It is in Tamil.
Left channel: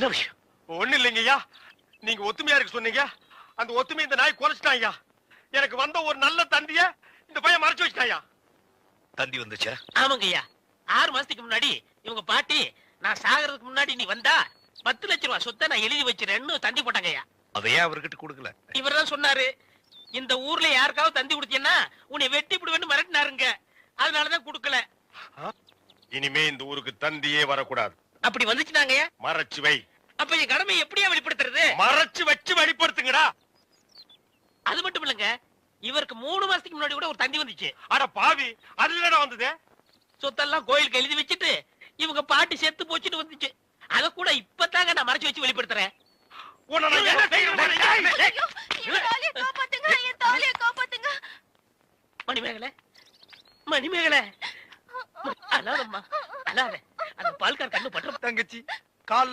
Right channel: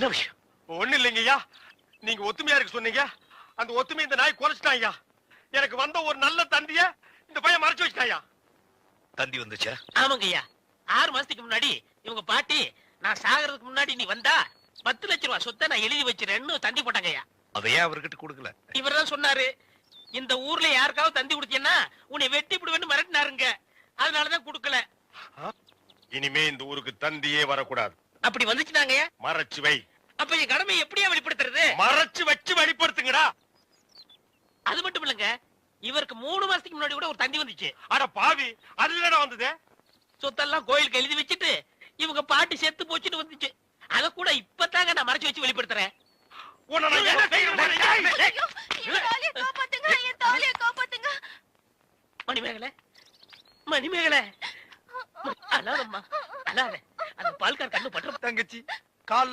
என்ன விஷயம்? ஒண்ணு இல்லைங்க ஐயா, நீங்க ஒத்துமையா இருக்கு சொன்னீங்க. அந்த ஒத்துமை இந்த நாய் குலைச்சிட்டான் ஐயா. எனக்கு வந்த ஒரு நல்ல தந்திய இந்த பையன் மறைச்சு வச்சிட்டாயா. தந்தி வந்துச்சா? ஆமாங்க ஐயா, 6 மாசத்துக்கு முன்னாடி இவங்க பாட்டி நான் சாகிறதுக்கு முன்னாடி நீ வந்தா 10 லட்சம் ரூபாய் சொத்தை நான் எழுதி வச்சிருன்னு தந்தி போட்டாங்க ஐயா. அதையே அவர்கிட்ட கொடுக்கல? இவர் தான் சொன்னாரு, இந்த ஊர்ல யாருக்காவது தந்தி கொடுத்தீங்கன்னா உன்னை வெட்டி விடுவேன்னு மிரட்டினாருங்க. அதனாலதான் கொடுக்கல. இனிமே இந்த ஊருக்கு தந்தியே வரக்கூடாது. அப்படி வந்துச்சுனாங்க ஐயா. மறைச்சு வை. அப்ப என் கடமை எப்படியா வெளிப்படுத்துறது? மறைச்சு வச்சு வெளிப்படுத்துங்கடா. அது மட்டும் இல்லங்க, இவருக்கு 3 மாசத்துக்கு முன்னாடி கூட ஒரு தந்தி வந்துச்சு. அட பாவி, அது என்னடா வந்தது? சொத்தெல்லாம் கோயிலுக்கு எழுதி வச்சுட்டு இவங்க பாட்டி செத்து போச்சுட்டு வந்துச்சு. அத கூட இப்பதாங்க நான் மறைச்சு வச்சு வெளிப்படுத்துறேன். உன்னை நான் என்ன செய்யணும்? மணிமேகலை, மணிமேகலை, அழாதம்மா அழாத. அந்த பால்கார் கண்ணு பற்ற. தங்கச்சி கால்ல